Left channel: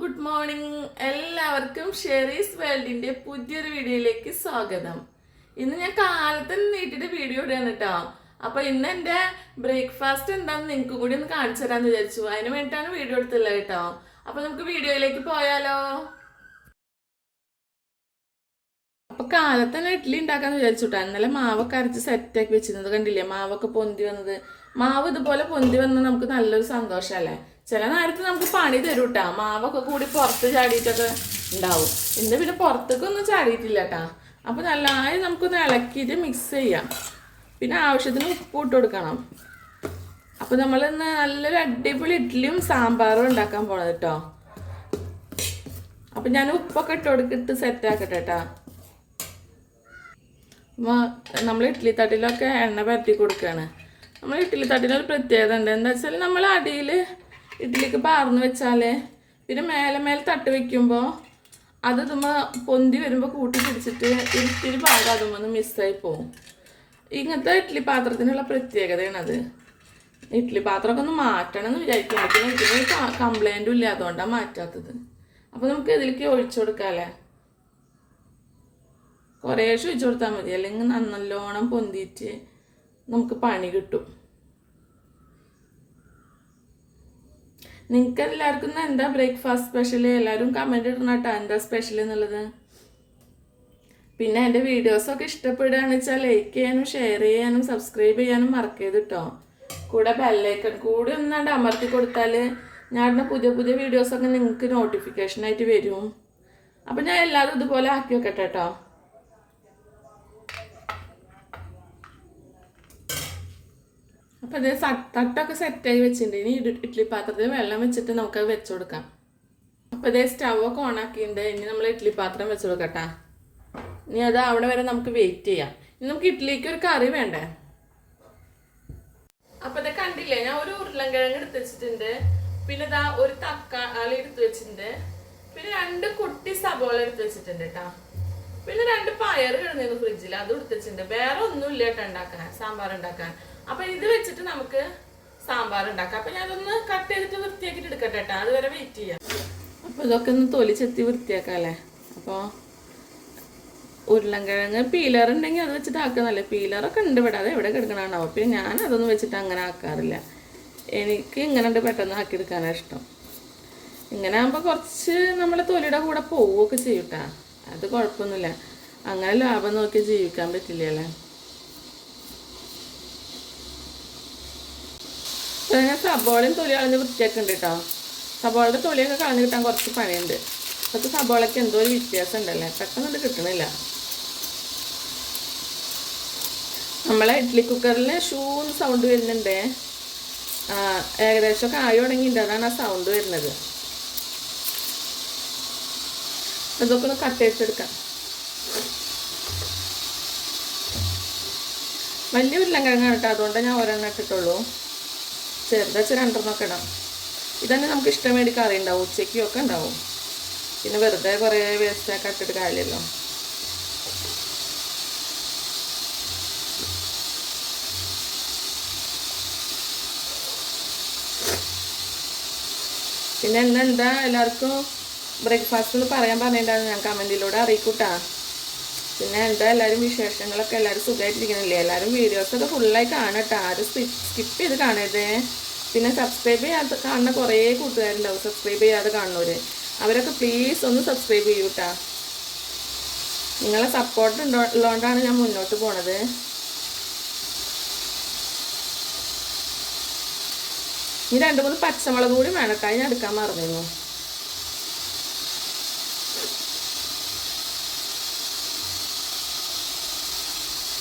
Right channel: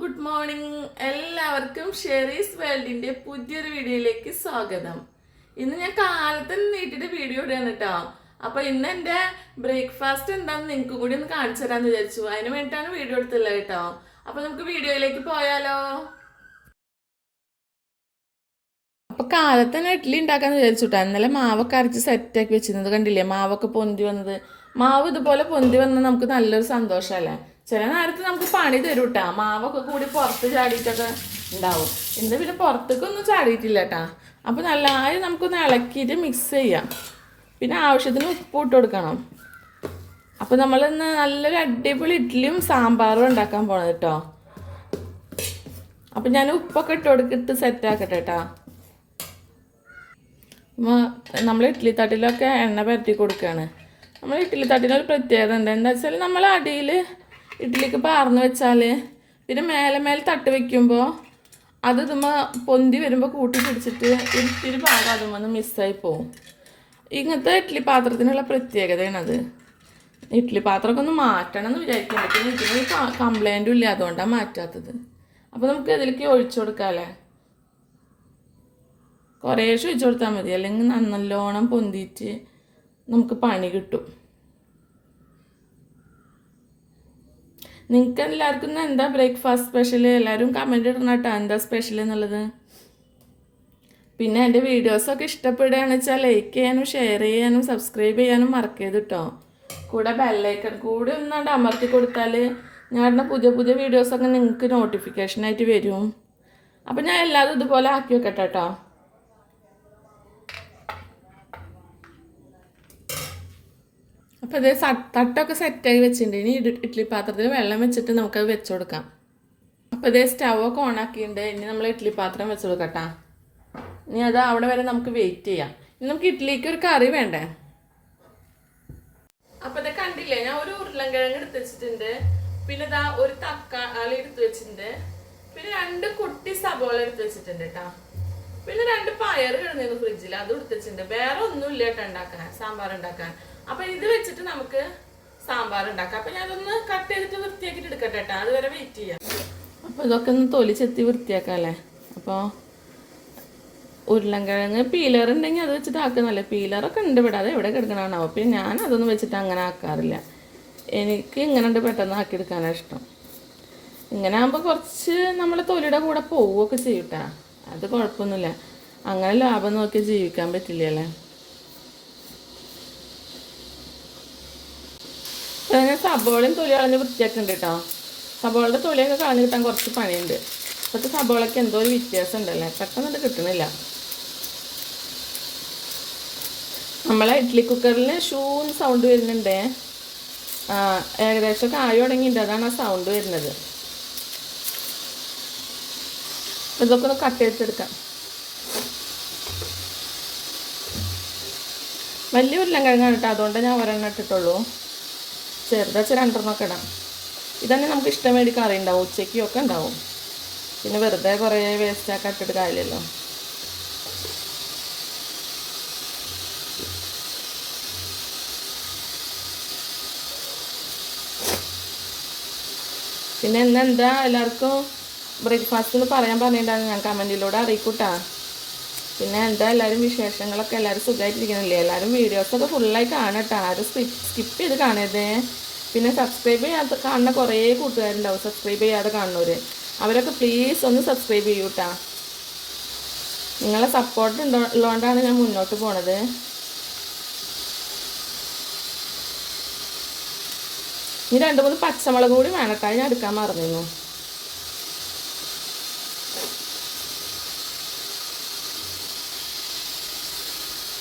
Good morning. എല്ലാവർക്കും Sherry's വേൾഡിന്റെ പുതിയൊരു വീഡിയോയിലേക്ക് സ്വാഗതം. ഇന്ന് ഞാൻ കാലത്ത് നീട്ടിട്ട് വീഡിയോ ഇടുകയാണ് കേട്ടോ. അപ്പൊ ഇന്ന് എന്റെ ബ്രേക്ക്ഫാസ്റ്റ് എന്താണെന്ന് നിങ്ങൾക്ക് കൂടി ഒന്ന് കാണിച്ചു തരാന്ന് വിചാരിച്ചു. അതിന് വേണ്ടിയിട്ടാണ് വീഡിയോ എടുത്തുള്ളത് കേട്ടോ. അപ്പൊ നമുക്ക് വീഡിയോയിലേക്ക് പോയാലോ. അപ്പൊ കാലത്ത് തന്നെ ഇഡ്ഡലി ഉണ്ടാക്കാന്ന് വിചാരിച്ചുട്ടാ. ഇന്നലെ മാവൊക്കെ അരച്ച് സെറ്റാക്കി വെച്ചിരുന്നത് കണ്ടില്ലേ, മാവൊക്കെ പൊന്തി വന്നത്. മാവ് ഇതുപോലെ പൊന്തി വന്നത് നമുക്ക് നല്ലൊരു സന്തോഷമല്ലേ. ചില നേരത്ത് നമുക്ക് പണി തരും കേട്ടാ. മാവൊക്കെ കൂടി പുറത്ത് ചാടിയിട്ടൊക്കെ ഉണ്ടാവും. ഇന്ന് പിന്നെ പുറത്തേക്കൊന്നും ചാടിയിട്ടില്ല കേട്ടാ. അപ്പോൾ നല്ലതായി നമുക്കൊന്ന് ഇളക്കിയിട്ട് മിക്സ് ചെയ്യാം. പിന്നെ ആവശ്യത്തിന് ഉപ്പ് ഇട്ട് കൊടുക്കണം. അപ്പോൾ നമ്മളിന്ന് നല്ലൊരു അടിപൊളി ഇഡ്ഡലിയും സാമ്പാറും ഉണ്ടാക്കാൻ പോണത് കേട്ടോ. അപ്പം ഞാൻ ഉപ്പൊക്കെ ഇട്ട് സെറ്റാക്കട്ടെ കേട്ടോ. നമ്മൾ ഇഡ്ഡലി തട്ടിലൊക്കെ എണ്ണ പരത്തി കൊടുക്കുകയാണ്. നമ്മൾ ഇഡ്ഡലി തട്ടിനൊരു പ്രത്യേകത എന്താ വെച്ചാൽ നമ്മൾ അടിയിൽ ഇഡ്ഡലിക്ക് പാർന്ന് വെച്ചാൽ പിന്നെ മേലെ തട്ട് വെക്കുമ്പോൾ അത് ഇതുമ്പോൾ പൊന്തി വരുമ്പോൾ കൂട്ടി പിടിച്ചിട്ട് ഇത്തിരി ഭാഗം അതുമ്പോൾ മിസ്സായി പോകും. ഇങ്ങനത്തെ ഇഡ്ഡലി പാത്രത്തിനുള്ള പ്രത്യേകതയാണത്. ഇഡ്ഡലി പാത്രമൊക്കെ ഒന്ന് മാറ്റണം എന്ന് വിചാരിക്കുന്നുണ്ട്. പിന്നെ ഇതിന് കംപ്ലൈൻറ്റും ഇല്ല, അതുകൊണ്ടാണ് മാറ്റാത്തത്. അപ്പോൾ നമുക്ക് ഇതിലേക്ക് ഒഴിച്ചു കൊടുക്കാമല്ലേ. കുറേശ്ശെ ഒഴിച്ചു കൊടുത്താൽ മതി, അല്ലെങ്കിൽ നല്ലോണം പൊന്തിയിട്ട് നമുക്ക് പണി കിട്ടും. നിങ്ങൾക്ക് എല്ലാവർക്കും എന്താ ബ്രേക്ക്ഫാസ്റ്റ് സ്പെഷ്യൽ? എല്ലാവരും കമൻറ്റ് ഇടണം കേട്ടോ, എന്താ സ്പെഷ്യൽ എന്നുള്ളത്. പിന്നെ എൻ്റെ വീഡിയോസൊക്കെ ഇഷ്ടപ്പെടുകയാണെന്ന് വെച്ചാൽ ലൈക്ക് ചെയ്യാനും ഷെയർ ചെയ്യാനും സബ്സ്ക്രൈബ് ചെയ്യാനും മറക്കരുത് കേട്ടോ. കൂടെ ബെല്ലൈക്കൺ കൂടി ഒന്നാണ്ട് അമർത്തി കൊടുത്താൽ ഞാൻ ഇടുന്ന പുതിയ പുതിയ വീഡിയോസൊക്കെ നിങ്ങൾക്ക് നോട്ടിഫിക്കേഷനായിട്ട് വരും. അപ്പം ഞാൻ എല്ലാതും ഇതുപോലെ ആക്കി വെക്കട്ടെ കേട്ടോ. അപ്പോൾ ഇത് തട്ടൊക്കെ സെറ്റായി വെച്ചിട്ടുണ്ട്. ഇനി ഇഡ്ഡലി പാത്രത്തിൽ വെള്ളം വെച്ചിട്ട് നമുക്കത് വെച്ച് കൊടുക്കാം. അപ്പോൾ ഇതേ സ്റ്റൗവൊക്കെ ഓണാക്കിയിട്ടുണ്ട്. ഇനി നമ്മൾ ഇഡ്ഡലി പാത്രം വെച്ച് കൊടുക്കട്ടെ. ഇനി അത് അവിടെ വരെ നമുക്ക് വെയിറ്റ് ചെയ്യാം. ഇനി നമുക്ക് ഇഡ്ഡലിക്ക് ഒരു കറി വേണ്ടേ. അപ്പോൾ ഇത് കണ്ടില്ലേ, ഞാൻ ഒരു ഉരുളൻകിഴങ്ങ് എടുത്ത് വെച്ചിട്ടുണ്ട്. പിന്നെ ഇതാ ഒരു തക്കാളി എടുത്ത് വെച്ചിട്ടുണ്ട്. പിന്നെ 2 കുട്ടി സബോള എടുത്ത് വെച്ചിട്ടുണ്ട് കേട്ടോ. പിന്നെ 2 പയർ കിടന്നിരുന്നു ഫ്രിഡ്ജിൽ, അത് എടുത്ത് വെച്ചിട്ടുണ്ട്. വേറെ ഒന്നുമില്ല കേട്ടോ ഉണ്ടാക്കാൻ, സാമ്പാർ ഉണ്ടാക്കാൻ. അപ്പൊ ഇത് വെച്ചിട്ട് നമുക്ക് സാമ്പാർ ഉണ്ടാക്കാം. അപ്പൊ ഞാനതൊന്ന് കട്ട് ചെയ്തിട്ട് വൃത്തിയാക്കിയിട്ട് എടുക്കട്ടെ കേട്ടോ, അതുവരെ വെയിറ്റ് ചെയ്യാം. അപ്പൊ ഇതൊക്കെ ഒന്ന് തൊലി ചെത്തി വൃത്തിയാക്കാം അല്ലേ. അപ്പോൾ ഉരുളൻകിഴങ്ങ് പീലർ ഉണ്ടെങ്കിൽ അത് വെച്ചിട്ട് ആക്കുന്നല്ലേ. പീലറൊക്കെ ഉണ്ട് ഇവിടെ, അത് എവിടെ കിടക്കണാണോ. പിന്നെ ഞാൻ അതൊന്നും വെച്ചിട്ട് അങ്ങനെ ആക്കാറില്ല. എനിക്ക് ഇങ്ങനെ പെട്ടെന്ന് ആക്കിയെടുക്കാനാണ് ഇഷ്ടം. ഇങ്ങനെ ആകുമ്പോൾ കുറച്ച് നമ്മുടെ തൊലിയുടെ കൂടെ പോവുകയൊക്കെ ചെയ്യൂട്ടാ. അത് കുഴപ്പമൊന്നുമില്ല. അങ്ങനെ ലാഭം നോക്കി ജീവിക്കാൻ പറ്റില്ലല്ലേ. അങ്ങനെ സബോളയും തൊലി കളഞ്ഞ് വൃത്തിയാക്കുന്നുണ്ട് കേട്ടോ. സബോളയുടെ തൊലിയൊക്കെ കളഞ്ഞ് കിട്ടാൻ കുറച്ച് പണിയുണ്ട്. ഇപ്പോഴത്തെ സബോളയ്ക്ക് എന്തോ ഒരു വ്യത്യാസം ഉണ്ടല്ലോ, പെട്ടെന്ന് കിട്ടണില്ല. നമ്മളെ ഇഡ്ഡലി കുക്കറിൽ ഷൂന്ന് സൗണ്ട് വരുന്നുണ്ട്. ഏകദേശം കായ തുടങ്ങിയിട്ട് അതാണ് ആ സൗണ്ട് വരുന്നത്. ഇതൊക്കെ ഒന്ന് കട്ട് ചെയ്തെടുക്കാം. വലിയ ഉരുളൻകിഴങ്ങാണ് കേട്ടോ, അതുകൊണ്ട് ഞാൻ ഒരെണ്ണം ഇട്ടിട്ടുള്ളൂ. ചെറുതാച്ച 2 ഇടാം. ഇതന്നെ നമുക്ക് ഇഷ്ടം വേണ്ടി കറി ഉണ്ടാവും, ഉച്ചയ്ക്കും ഒക്കെ ഉണ്ടാവും. പിന്നെ വെറുതെ കുറേ വേസ്റ്റൊക്കെ ഇട്ടിട്ട് കാര്യമില്ലല്ലോ. പിന്നെ എന്താ എല്ലാവർക്കും ബ്രേക്ക്ഫാസ്റ്റ് എന്ന് പറയാൻ പറഞ്ഞിട്ടുണ്ടാകും, ഞാൻ കമൻറ്റിലൂടെ അറിയിക്കൂട്ടാ. പിന്നെ എന്താ എല്ലാവരും വിശേഷങ്ങളൊക്കെ, എല്ലാവരും സുഖമായിട്ടിരിക്കണില്ലേ. എല്ലാവരും വീഡിയോസൊക്കെ ഫുള്ളായി കാണട്ടോ, ആരും സ്കിപ്പ് ചെയ്ത് കാണരുത്. പിന്നെ സബ്സ്ക്രൈബ് ചെയ്യാത്ത കാണുന്ന കുറേ കൂട്ടുകാരുണ്ടാവും, സബ്സ്ക്രൈബ് ചെയ്യാതെ കാണുന്നവർ. അവരൊക്കെ പ്ലീസ് ഒന്ന് സബ്സ്ക്രൈബ് ചെയ്യൂട്ടാ. നിങ്ങളെ സപ്പോർട്ട് ഉള്ളതുകൊണ്ടാണ് ഞാൻ മുന്നോട്ട് പോണത്. ഇനി 2-3 പച്ചമുളക് കൂടി വേണട്ടാ, ഞാൻ എടുക്കാൻ മറന്നിരുന്നു.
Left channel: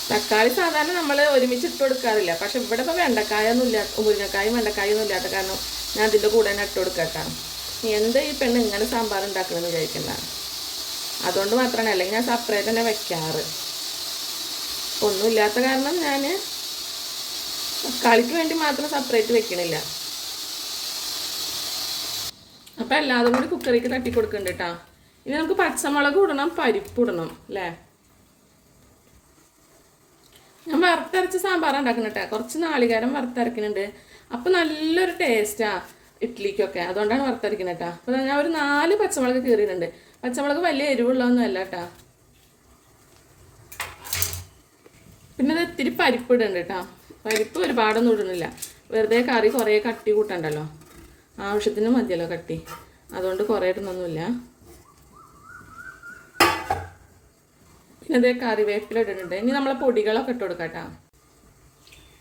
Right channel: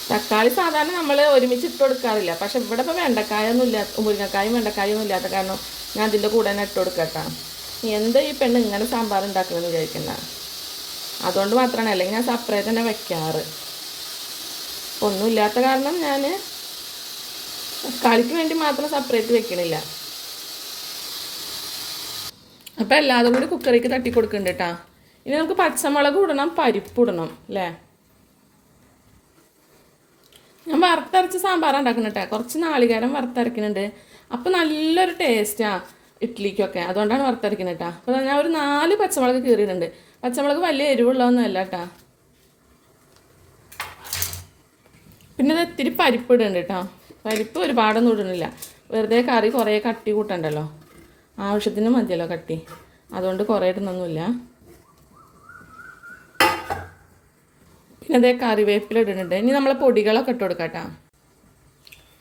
തക്കാളി സാധാരണ നമ്മൾ ഒരുമിച്ച് ഇട്ട് കൊടുക്കാറില്ല. പക്ഷെ ഇവിടെ ഇപ്പോൾ വെണ്ടക്കായൊന്നും ഇല്ല, മുരിങ്ങക്കായും വെണ്ടക്കായൊന്നും ഇല്ലാത്ത കാരണം ഞാൻ അതിൻ്റെ കൂടെ തന്നെ ഇട്ട് കൊടുക്കട്ടാ. എന്താ ഈ പെണ്ണ് ഇങ്ങനെ സാമ്പാർ ഉണ്ടാക്കണമെന്ന് വിചാരിക്കണ്ട. അതുകൊണ്ട് മാത്രമാണ്, അല്ലെങ്കിൽ ഞാൻ സെപ്പറേറ്റ് തന്നെ വെക്കാറ്. ഒന്നുമില്ലാത്ത കാരണം ഞാൻ തക്കാളിക്ക് വേണ്ടി മാത്രം സെപ്പറേറ്റ് വെക്കണില്ല. അപ്പം എല്ലാതും കൂടി കുക്കറിലേക്ക് തട്ടി കൊടുക്കുന്നുണ്ട് കേട്ടോ. ഇനി നമുക്ക് പച്ചമുളക് ഇടണം, പരിപ്പ് ഇടണം അല്ലേ. ഞാൻ വറുത്തരച്ച് സാമ്പാർ ഉണ്ടാക്കണം കേട്ടോ. കുറച്ച് നാളികേരം വറുത്തരക്കുന്നുണ്ട്. അപ്പോൾ നല്ലൊരു ടേസ്റ്റാണ്. ഇഡ്ഡലിക്കൊക്കെ. അതുകൊണ്ടാണ് വറുത്തരക്കുന്നത് കേട്ടോ. അപ്പോൾ ഞാൻ ഒരു 4 പച്ചമുളക് കീറിയിട്ടുണ്ട്. പച്ചമുളക് വലിയ എരിവുള്ളതൊന്നും അല്ല കേട്ടോ. പിന്നെ ഇത് ഇത്തിരി പരിപ്പ് ഇടുന്നുണ്ട് കേട്ടോ. പരിപ്പ് ഒരുപാടൊന്നും ഇടുന്നില്ല. വെറുതെ കറി കുറേ കട്ടി കൂട്ടണ്ടല്ലോ, ആവശ്യത്തിന് മതിയല്ലോ കട്ടി, അതുകൊണ്ട് കുറേ ഇടുന്നൊന്നുമില്ല. പിന്നെ അതേ കറിവേപ്പില ഇടുന്നുണ്ട്. ഇനി നമ്മളെ പൊടികളൊക്കെ ഇട്ട് കൊടുക്കാം കേട്ടോ.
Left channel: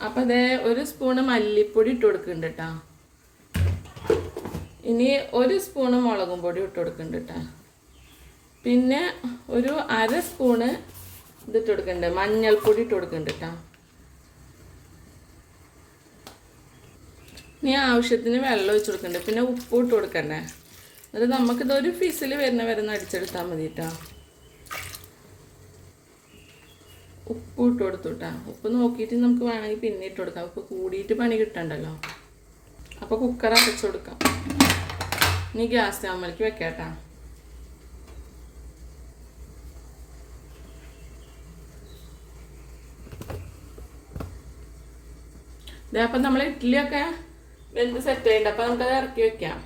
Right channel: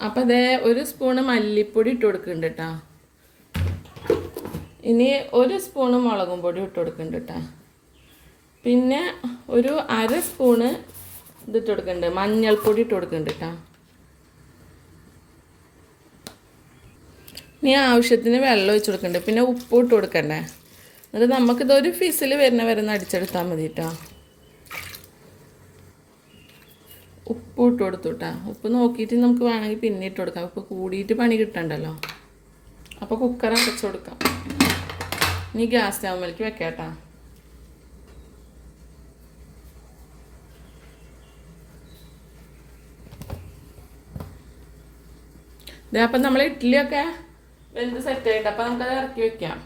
അപ്പോൾ അതേ 1 സ്പൂണ് മല്ലിപ്പൊടി ഇട്ട് കൊടുക്കുന്നുണ്ട് കേട്ടോ. ഇനി 1 സ്പൂണ് മുളകും പൊടി ഇട്ട് കൊടുക്കുന്നുണ്ട് കേട്ടോ. പിന്നെ ഒരു 1/2 സ്പൂണ് ഇതിട്ട് കൊടുക്കുന്നുണ്ട്, മഞ്ഞൾപ്പൊടി ഇട്ട് കൊടുക്കുന്നുണ്ട് കേട്ടോ. ഇനി ആവശ്യത്തിന് വെള്ളം ഒഴിച്ച് കൊടുക്കുന്നുണ്ട്. പിന്നെ ഉപ്പ് ഇട്ട് കൊടുക്കണ്ടേ. അത് നമുക്കിതൊരു ഫിസിൽ വരുന്ന വരെ അടിച്ചെടുത്താൽ മതി കേട്ടോ. ഉപ്പ് ഇട്ട് കൊടുത്തു കേട്ടോ. ഉപ്പ് നോക്കിയിട്ട് നമുക്ക് വേണമെങ്കിൽ പിന്നെ ഇട്ട് കൊടുക്കാം. ഉപ്പ് കൂടിയിട്ട് പണി കിട്ടണ്ടല്ലോ. അപ്പോൾ കുക്കർ അടച്ചു കൊടുക്കാം. ഇനി ഗ്യാസ് സ്റ്റൗവിലേക്ക് വെക്കാം കേട്ടോ. ഇതേ അപ്പം നമ്മൾ ഇഡ്ഡലിയൊക്കെ വെന്ത് സെറ്റ് ആയിട്ടുണ്ട്. അപ്പം നമുക്കത് ഇറക്കി വെക്കാം.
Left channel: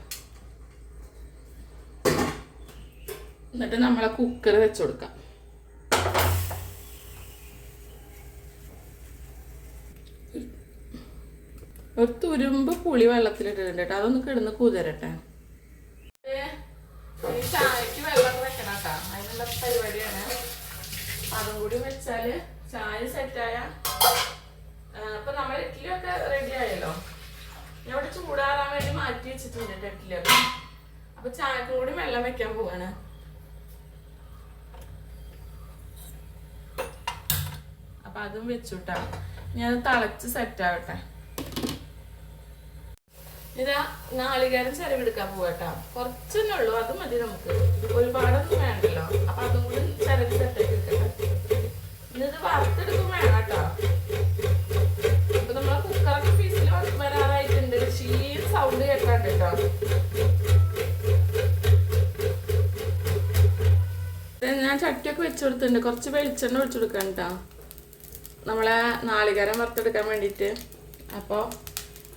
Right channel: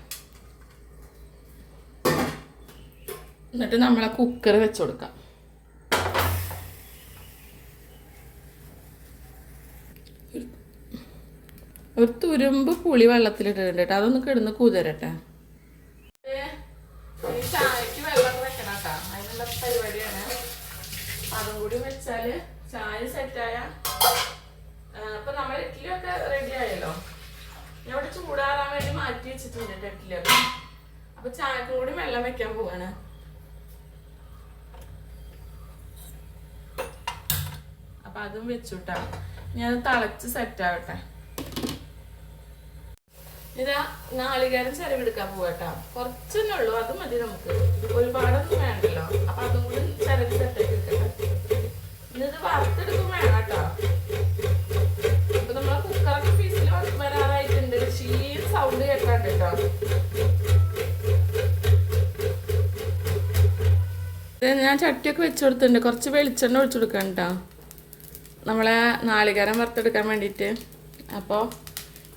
എന്നിട്ട് നമ്മളെ കുക്കർ വെച്ച് കൊടുക്കാം. ഒരു തുരുമ്പ് പുളി വെള്ളത്തിലിട്ടിട്ടുണ്ട് കേട്ടോ. അതൊന്ന് കിടന്ന് കുതിരട്ടെ. ചായക്ക് വെള്ളമൊക്കെ വെക്കണം കേട്ടോ. അതിനുള്ള പരിപാടിയാണ്. അതും കൂടി വെച്ചാൽ ചായ സെറ്റായ അപ്പം നമ്മൾ ഇഡ്ഡലിയൊക്കെ റെഡി ആയല്ലോ. ഞാൻ ഇവിടെ ചൂടാറാൻ വേണ്ടി മാറ്റി വെച്ചിട്ടുണ്ട് ഇഡ്ഡലിയൊക്കെ. അപ്പം ചായക്കും കൂടി വെള്ളം വെക്കാൻ പോവാണ്. അപ്പം അതും വെച്ചുട്ടാ. ഞാൻ തിളച്ച് സെറ്റാവട്ടെ. ഇതാ നാളികേരം ചിരവെടുക്കാൻ പോവാട്ടോ. കുറച്ചൊന്നും ഉള്ളൂ, അത് മതി നമുക്ക്. ഒരുപാടൊന്നും വേണ്ടല്ലോ. അപ്പം അതും കൂടി ചിരവി സെറ്റാക്കി എടുക്കട്ടെ. ഇന്നിത് വറുത്തെടുക്കും വേണം കേട്ടോ. അപ്പൊ നമ്മളെ കുക്കറൊക്കെ ഫീസിൽ വരാറായിട്ടുണ്ട്. ഷീൽ സൗണ്ട് കേൾക്കാണ്ട് കേട്ടോ. ഞാൻ ചട്ടിയൊക്കെ വെച്ച് കൊടുത്തിട്ടുണ്ട്. കുറച്ച് വെളിച്ചെണ്ണ ഒഴിച്ചു കൊടുക്കണം കേട്ടോ, നമ്മളെ നാളികേരം വറുത്തെടുക്കാൻ വേണ്ടിയിട്ട്. അപ്പോൾ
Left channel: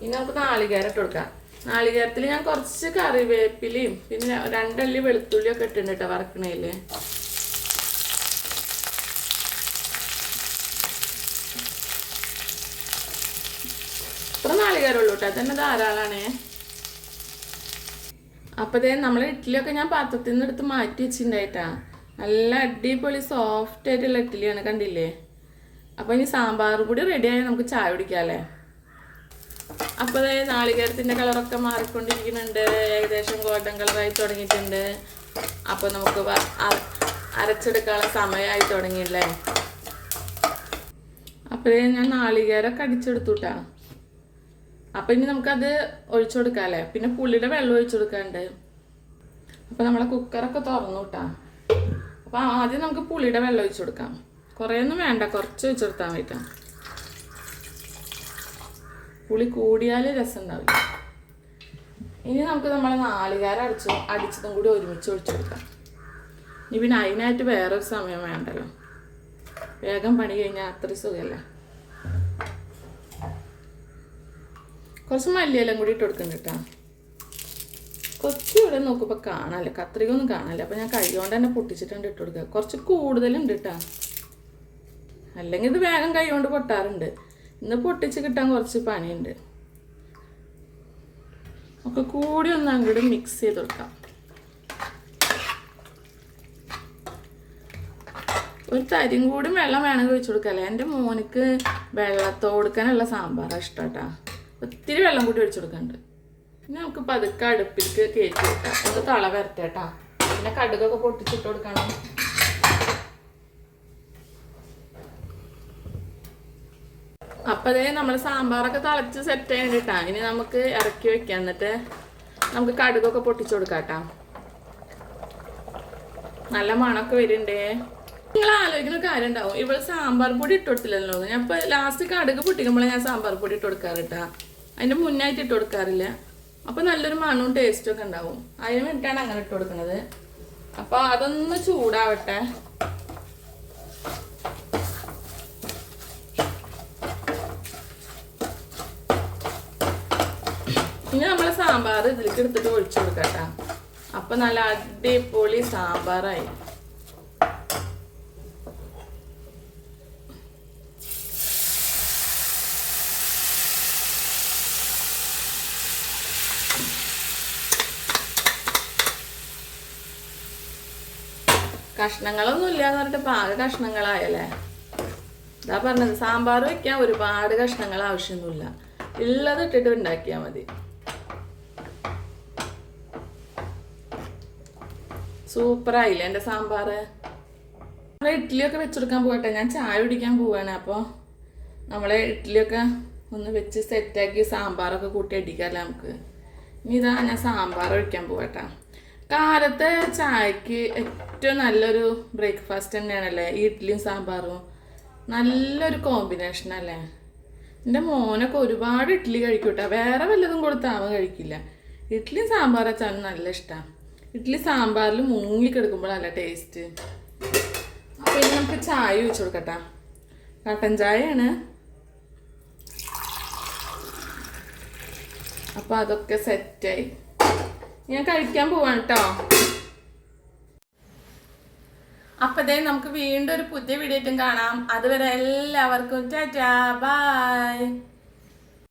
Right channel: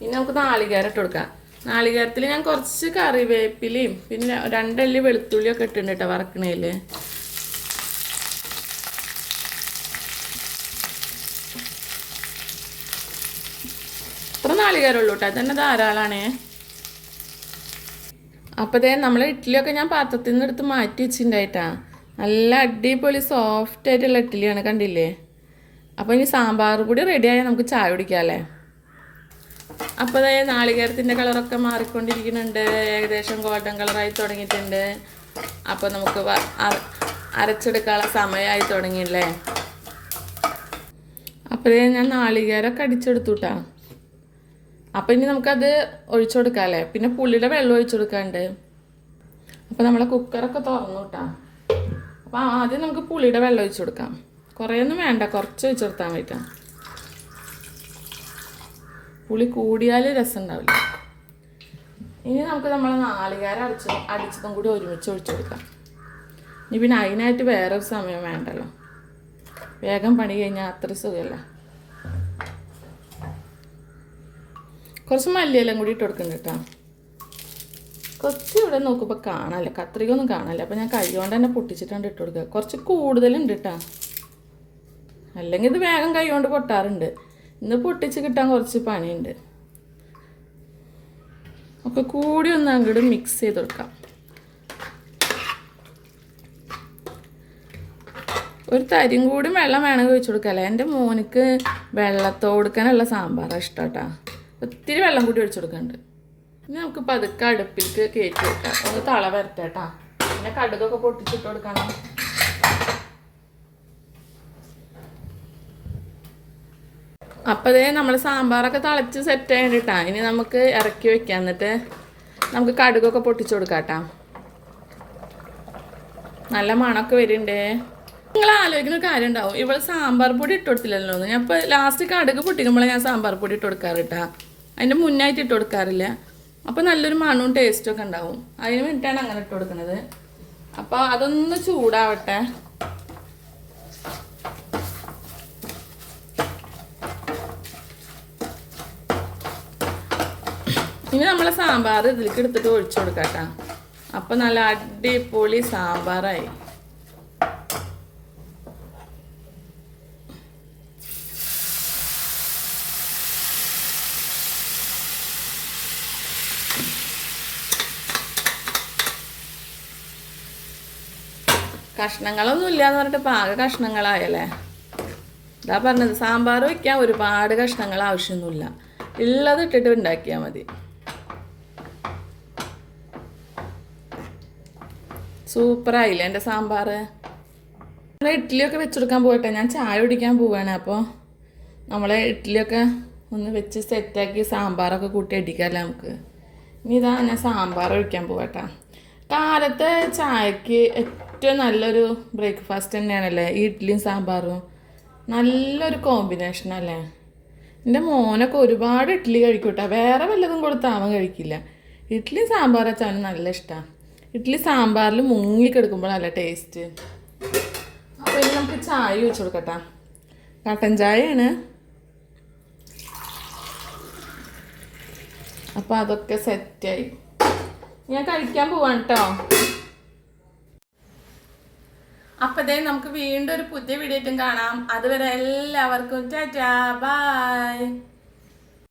ഇനി നമുക്ക് നാളികേരം ഇട്ട് കൊടുക്കാം. നാളികേരത്തിൽ ഞാൻ കുറച്ച് കറിവേപ്പിലയും പിന്നെ 2 അല്ലി വെളുത്തുള്ളിയൊക്കെ ഇട്ടിട്ടുണ്ട് കേട്ടോ വറക്കണേൽ. ഇത്ര നാളികേരമുള്ളൂ കേട്ടോ. തന്നെ ധാരാളമാണേ. അപ്പോൾ ഇതേ നമ്മളെ ഇഡ്ഡലിയൊക്കെ ഞാൻ പാത്രത്തിൽ നിന്ന് എടുത്ത് മാറ്റി വെച്ചിട്ടുണ്ടായിട്ടാ. നല്ല അടിപൊളി സോഫ്റ്റ് ആയിട്ടുള്ള ഇഡ്ഡലിയാണ്, കണ്ടില്ലേ. അപ്പോൾ ഇനി സാമ്പാർ കൂടി റെഡിയായാൽ നമുക്ക് ചായ കുടിക്കാമല്ലേ. അപ്പോൾ ഇതേ നാളികേരത്തിൻ്റെ കളറൊക്കെ മാറിക്കൊണ്ടിരിക്കുന്നുണ്ട്. ഏകദേശം ഗോൾഡൻ കളറായി തുടങ്ങിയിട്ടുണ്ട്. അപ്പോൾ നമുക്ക് അരച്ചെടുക്കാനുള്ള സമയമായി തുടങ്ങിയില്ലേ. അപ്പോൾ ഞാൻ നാളികേരമൊക്കെ അടിച്ചെടുത്തു കേട്ടോ. അപ്പോൾ ഇനി നമുക്കത് ഒഴിച്ചു കൊടുക്കാമല്ലേ. പിന്നെ പുളിയുടെ വെള്ളം ഒഴിച്ചു കൊടുക്കാണ്ട്. അപ്പോൾ നമ്മളെ കുക്കറൊക്കെ തുറന്നു കേട്ടോ. അപ്പോൾ ആദ്യം നമുക്ക് പുളിയുടെ വെള്ളം ഒഴിച്ചു കൊടുക്കാം. കുറേയൊന്നും വേണ്ട, കുറച്ച് ഒഴിച്ചു കൊടുത്താൽ മതി. പുളി കൂടിയാൽ രസം ഉണ്ടാവില്ല. ഇനി നമുക്ക് നമ്മളെ നാളികേരം അടിച്ചതും കൂടി ഒരുമിച്ച് ഒഴിച്ചു കൊടുക്കാം. ഇനി പിന്നെ അതിനായിട്ട് വേറൊരു സമയം വേണ്ടല്ലോ. വേഗം പണി കഴിഞ്ഞാൽ അത്ര സുഖമല്ല. കുറച്ച് മല്ലിയെല്ലാം കൂടി ഇട്ട് കൊടുക്കുന്നുണ്ട് കേട്ടോ. കുറച്ച് ഇവിടെ നോക്കുമ്പോൾ കാണാമല്ല, കത്രികയൊന്നും കാണാമല്ല. അപ്പോൾ ഞാൻ കൈ കൊണ്ട് തന്നെ പൊട്ടിച്ചിട്ടാണ് ഇട്ട് കൊടുക്കുക. കുറച്ച് കൂടുതലുണ്ട് കേട്ടോ. അല്ലെങ്കിൽ ഇത് വേഗം കൈ കൊണ്ട് പൊട്ടാറുണ്ട്. ഇന്ന് പൊട്ടിച്ച് കിട്ടാൻ കുറച്ച് പണിയുണ്ട്. ഒക്കെ കൂടി ഒന്ന് അങ്ങോട്ട് മിക്സ് ചെയ്ത് കൊടുക്കാം. ഒരു തരിയും കൂടി വെള്ളം വേണമെങ്കിൽ ഒഴിച്ചു കൊടുക്കാമല്ലേ. എൻ്റെ മോനിക്ക് വെള്ളത്തോടുക്കാനുള്ള സാമ്പാറാണ് ഇഷ്ടം കേട്ടോ. ഒത്തിരി വെള്ളം കൂടി ഒഴിച്ചു കൊടുക്കുന്നുണ്ട്. ഇനി നമുക്ക് പതുക്കെ അടുപ്പിലേക്ക് കയറ്റി വെക്കാം. ഒന്ന് തള വരട്ടെ കേട്ടോ. പിന്നെ കടുകൊക്കെ പൊട്ടിച്ചിട്ട് കൊടുക്കണം. അപ്പോൾ അതേ നമ്മൾ സാമ്പാറൊക്കെ തിളച്ച് സെറ്റ് ആയിട്ടാ. ഇനി നമുക്ക് ഇറക്കി വെക്കാം. എന്നിട്ട് നമുക്ക് കടുകൊക്കെ പൊട്ടിച്ചു കൊടുക്കാം കേട്ടോ. നല്ല മണമൊക്കെ വരുന്നുണ്ടേ. നിങ്ങൾ ആലോചിക്കുന്ന കാര്യം ഉണ്ടാവും, ഇവൾ സാമ്പാർ പൊടി ഇട്ട് കൊടുത്തില്ലല്ലോ. ഞാൻ ഇപ്പോൾ ലാസ്റ്റ് കടുക് പൊട്ടിക്കുമ്പോഴേ ഞാൻ സാമ്പാർ പൊടി ഇട്ട് കൊടുക്കാറ് കേട്ടോ. അതിൻ്റെ മുന്നായിട്ട് ഇട്ട് കൊടുക്കാറില്ല. അപ്പോൾ നല്ലൊരു മണവും ടേസ്റ്റും ഒക്കെ ഉണ്ടാവും. അതിന് വേണ്ടിയിട്ടാണ് അങ്ങനെ ഇട്ട് കൊടുക്കുന്നത്. അപ്പോൾ അതൊന്ന് ചൂടാവട്ടെ. ഇനി നമ്മൾ സാമ്പാർ ഇതിലേക്ക് എടുത്തിട്ട് ഒഴിച്ചു കൊടുക്കാം. അപ്പം നല്ല അടിപൊളി സാമ്പാറായി. കഷ്ണങ്ങളൊന്നും ഇല്ലാന്ന് പറഞ്ഞിട്ട് പാക കഷ്ണങ്ങളായല്ലേ. ഇതാ പറഞ്ഞത്, സാമ്പാർ വയ്ക്കാൻ ഒരുപാട് കഷ്ണങ്ങൾ ആവശ്യമൊന്നുമില്ല, ഉള്ളത് ഇട്ടിട്ട് ഉണ്ടാക്കിയാൽ മതി. സൂപ്പറായില്ലേ എൻ്റെ സാമ്പാർ. നമ്മൾ ഇഡ്ഡലിയൊക്കെ വെച്ചെടുക്കാൻ പോയിട്ടെ, ഞാൻ ചായ കുടിക്കാൻ പോവാണ്. അപ്പോൾ നമ്മളെ ഇഡ്ഡലിയൊക്കെ ഒന്ന് വെച്ച് സെറ്റാക്കി സാമ്പാറൊക്കെ കൂട്ടി അടിക്കാമല്ലോ നമുക്ക്. ഇനി ഇതാ ഞാൻ സാമ്പാർ ഒഴിക്കാൻ പോകട്ടെ. കാലത്ത് ചായക്ക് ഏറ്റവും നല്ലൊരു ബ്രേക്ക്ഫാസ്റ്റ് തന്നെയാണല്ലേ ഈ ഇഡ്ഡലിയും സാമ്പാറും. നല്ലൊരു കോമ്പിനേഷനല്ലേ. എൻ്റെ മോനൊക്കെ ഒരുപാട് ഇഡ്ഡലി കഴിക്കൂട്ടോ, വേറെ വല്ലതും കൊടുത്താൽ അവൻ കഴിക്കില്ല. ഇഡ്ഡലിയും സാമ്പാർ വെച്ചാൽ നല്ല ഇഷ്ടമാണ്. ഇഡ്ഡലി സാമ്പാറിൽ മുങ്ങിക്കെടുക്കുമ്പോഴല്ല ടേസ്റ്റ്. അപ്പോൾ ഇനി നമുക്ക് ചായ വെച്ച് കൊടുക്കട്ടെ. കട്ടൻ ചായയാണ്. അപ്പോൾ അതൊക്കെ സെറ്റായി, ഞാൻ കഴിക്കാൻ പോവാണ് കേട്ടോ. അപ്പോൾ ദേ നമുക്ക് വീണ്ടും ഒരു പുതിയ വീഡിയോ ആയിട്ടും കാണാം. അതുവരെ എല്ലാവർക്കും ടാറ്റാ ബൈ.